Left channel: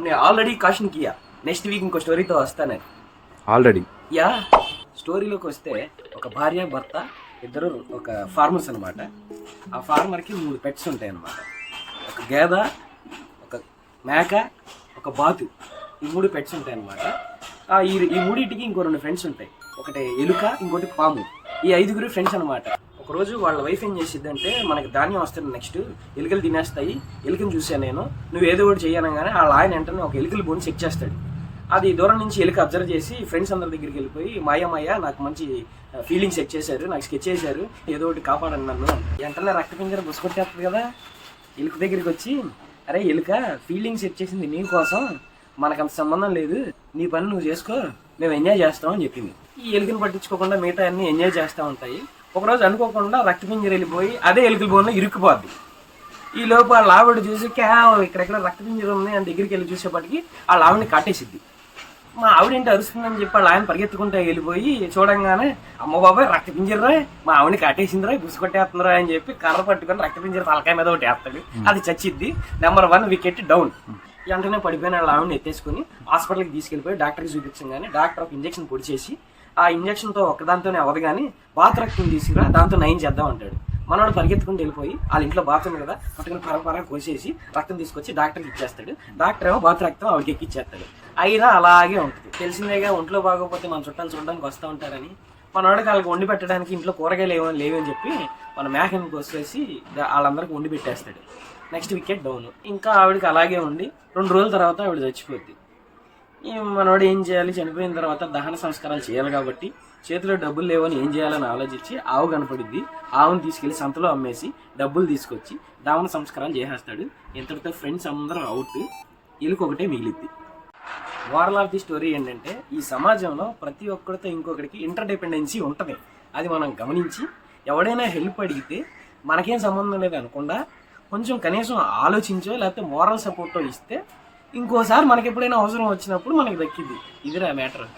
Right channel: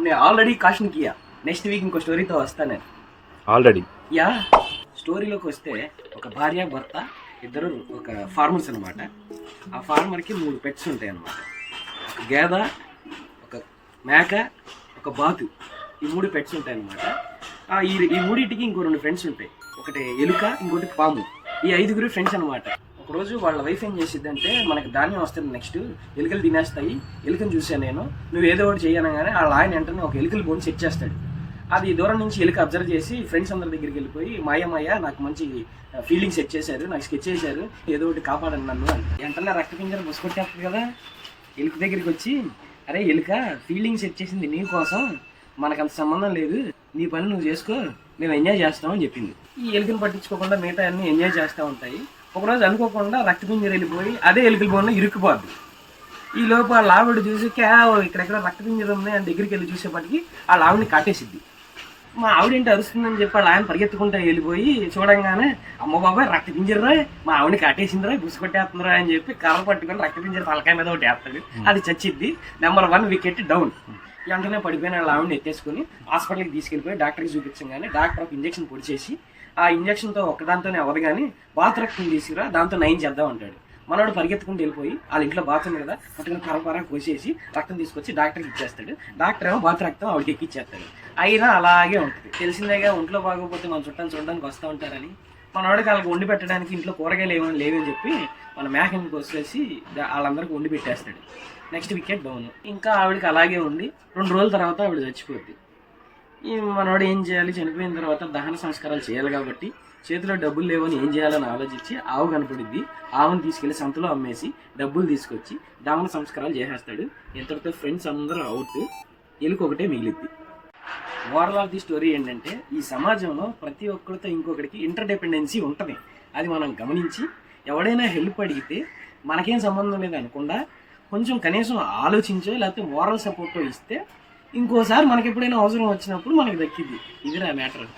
हमने already caution किया next week ఇంకో స్టోరీతో వస్తాను ఆల్రెడీ. యా స్టోరీలోకి వస్తే ఒక భార్య భర్త ఇద్దరు ఒక ఫార్మర్స్ అనమాట. ఆ ఫార్మర్కి 3 పెట్స్ ఉంటాయి అన్నమాట. ఒక గేద, ఒక మేక, ఒక బాతు, ఈ 3 పెట్స్ ఉంటాయి అన్నమాట. ఈ మూడింటికి ఇంకో 2 ఫ్రెండ్స్ ఉంటాయి. ఒకటి ఎలుక, ఇంకోటి పాము. ఈ 5 ఫ్రెండ్స్ అనమాట. ఒకరోజు వాళ్ళ వైఫ్ ఏం చేసిద్దంటే, మనకి ధాన్యం వస్తుంది నెక్స్ట్, ఎలుకలు తినేస్తాయి, ఎలుకను చూసాను నేను, నువ్వు ఏదో ఒకటి చేయనగానే వాళ్ళ ఆయన వెంటనే ఒక ఎలుకల బోన్ సెట్ చేస్తాడు. అది దూరం నుంచి ఎలుక అబ్జర్వ్ చేసి ఫ్రెండ్స్ అందరి దగ్గరికి వెళ్ళిపోయి, మాయ నాకు మంచి ఫీలింగ్ సెట్ చేశారు, నాకు స్కెచ్ చేశారు, ఏదో ఒకటి కాపాడండి నన్ను. వెంటనే రక్తపింజర బుసుకొట్టేస్తుంది కదా. ఎలుక దగ్గరికి వచ్చి, అరే ఎలుక, ఫీలింగ్ సెట్ చేసింది నీ కోసం, మనకంత సంబంధం లేదు, నీ పని నువ్వు చేసుకో, మేము ఎంజాయ్ చేస్తాం అని చెప్పింది. ఈ ఎలుకను పట్టించుకోకుండా మిగతా అన్ని ఎంజాయ్ చేస్తూ ఉంటాయి. ఒకరోజు అనుకోకుండా రక్తపింజర వెళ్ళిపోయి అదే ఎలుకల బోన్లో ఇరుక్కుపోద్ది. ఈ లోపు ఆ ఆవిడ చూసి ఇక్కడెక్కడ రక్తపింజర ఉంది అని దగ్గరికి వెళ్ళి చూసేపటికి ఆ ఆవిడని కాటేసిద్ది. మా ఆవిడేంటి అరుస్తుందని చెప్పి వాళ్ళ ఆయన పరిగెత్తుకుంటూ వెళ్ళిపోయి చూడంగానే, అమ్మ బాబాయ్ రక్తపింజరా, మా ఆవిడని కాటేసిందిరా, గుసుకొట్టేస్తుందిరా అని చెప్పి కర్ర పట్టుకొని రక్తపింజర తలకాయ మీద ఒకటి వేస్తాడు. అది చచ్చిద్ది. Number 1 wicket down. వెంటనే పడిపోయిన వాళ్ళ ఆవిడని ఎత్తేసుకుని హాస్పిటల్కి తీసుకెళ్ళిపోయి డాక్టర్కి చూపించగానే డాక్టర్ ఒక ఇంజక్షన్ పొడిచేసి, ఆ ఇంజక్షన్తో ఒక్కదాంతోనే అవ్వదు కానీ బాత్ రక్తం తీసుకురా, దాంతో 9 చేద్దాం అంటాడు. మనోడు పరిగెత్తుకుంటూ వెళ్ళిపోయి వాళ్ళ ఇంట్లో బాత్ ఉంది కదా, పట్టుకుని పరపరా కోసేసి రక్తం తీసుకొచ్చి డాక్టర్కి ఇచ్చేస్తాడు. డాక్టర్ ఏమో బాత్ రక్తం ఆవిడకి ఎక్కిచ్చేస్తాడు. అయినా అలాగే ఉంటుంది. తెలిసిందేగా, ఒంట్లో బాగోకపోతే మన చుట్టాలు చూడడానికి వస్తూ ఉంటారని. మనోడికి వాళ్ళకి వండి పెట్టడానికి ఇంట్లో కూరగాయలు లేవని చెప్పి మన మేకని కోసేసి వాళ్ళందరికీ వండి పెట్టేస్తాడు. Next wicket down. ఇంకా ఆవిడకి అలాగే ఉండి 2 రోజుల తర్వాత ఆవిడ చచ్చిపోద్ది. ఈ మనోడు ఏం చేయాలి, చనిపోయిన తర్వాత దహన సంస్కారాలు చేయాలి కాబట్టి చేతిలో డబ్బులు లేవని ఏం చేయాలని ఆలోచించి ఆవు కనపడిద్ది. ఆవును తీసుకెళ్లి సంతలో అమ్మేసి డబ్బులు తీసుకొచ్చి దహన సంస్కారాలు చేసేస్తాడు. ఇంతటితో ఫ్రెండ్స్ అందరూ అవుట్, ఎలుక ఒకటే మిగిలిద్ది. మోరల్ ఆఫ్ ది స్టోరీ ఏంటంటే, ఈ సమాజంలో ప్రతి ఒక్కరితో ఇంకొకరికి ఇంటర్డిపెండెన్సీ ఉంటుంది. అది మనం గమనించి ఎవడైనా హెల్ప్ అడిగితే మనకేం సంబంధం లేదు అనకుండా కొంచెం కనీసం ఆలోచించో లేకపోతే మోరల్ సపోర్టో ఇస్తే ఇంకోసారి మనకి ఎప్పుడైనా అవసరం వచ్చినప్పుడు మనకి దక్కిద్ది. ఇదిరా మ్యాటర్.